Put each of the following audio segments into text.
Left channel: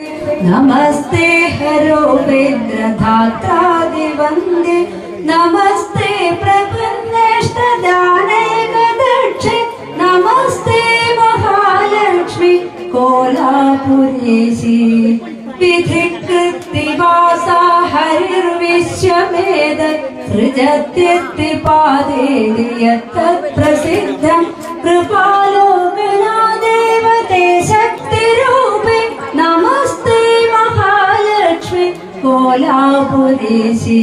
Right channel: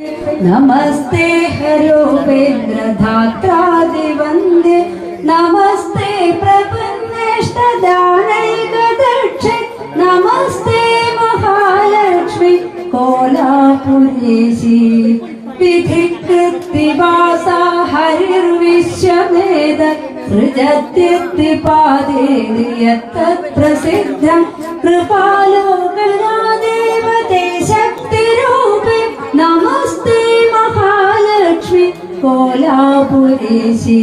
नमस्ते हरोपेन्द्रधात्रादिवन्दे नमस्ते प्रपन्नेष्टदानैकदक्षे नमस्ते महालक्ष्मि कोलापुरेशि विधिकृत्तिवासा हरिर्विश्ववेद सृजत्यत्तिपादेति कोलापुरेशि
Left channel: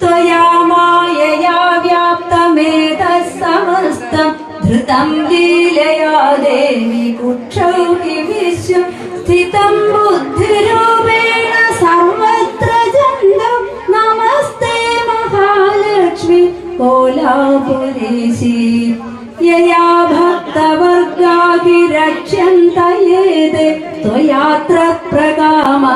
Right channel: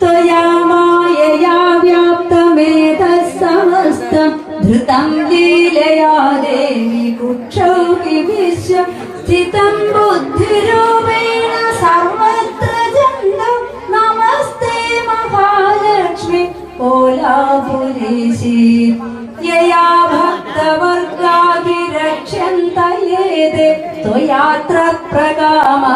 त्वया मायया व्याप्तमेतः समस्तम् धृतं लीलया देवि कुक्षौ हि विश्वं स्थितं बुद्धिरूपेण सर्वत्र जन्तम् नमस्ते महालक्ष्मि कोलापुरेशि यया भक्तवर्गाभिरक्ष्यन्त येते त्वयात्र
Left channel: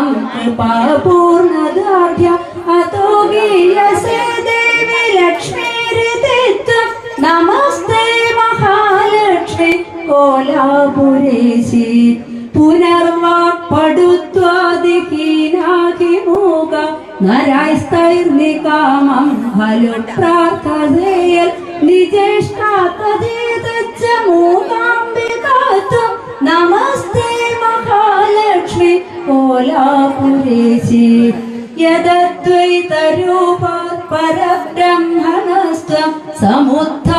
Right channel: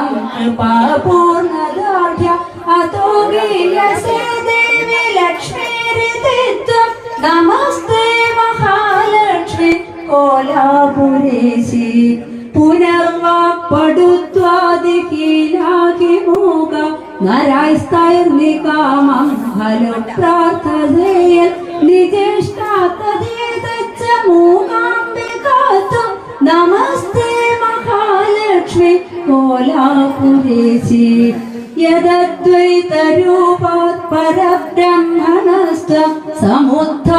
ത്വാം കൃപാപൂർണദാർഢ്യ. അതോ ഗീയസേ ദേവി ലക്ഷ്മീരിതിത്വം നമസ്തേ മഹാലക്ഷ്മി. കോലാപുരേശി. പുനർവാക്പടുത്വാദിഹീനാകി മൂക നരായസ്തൈർനികാമം. ഫലപ്രാർത്ഥതയിൽ നിജ കോലാപുരേശി യദ്വൈതരൂപാത് പരബ്രഹ്മണസ്ത്വം സമുദ്ധ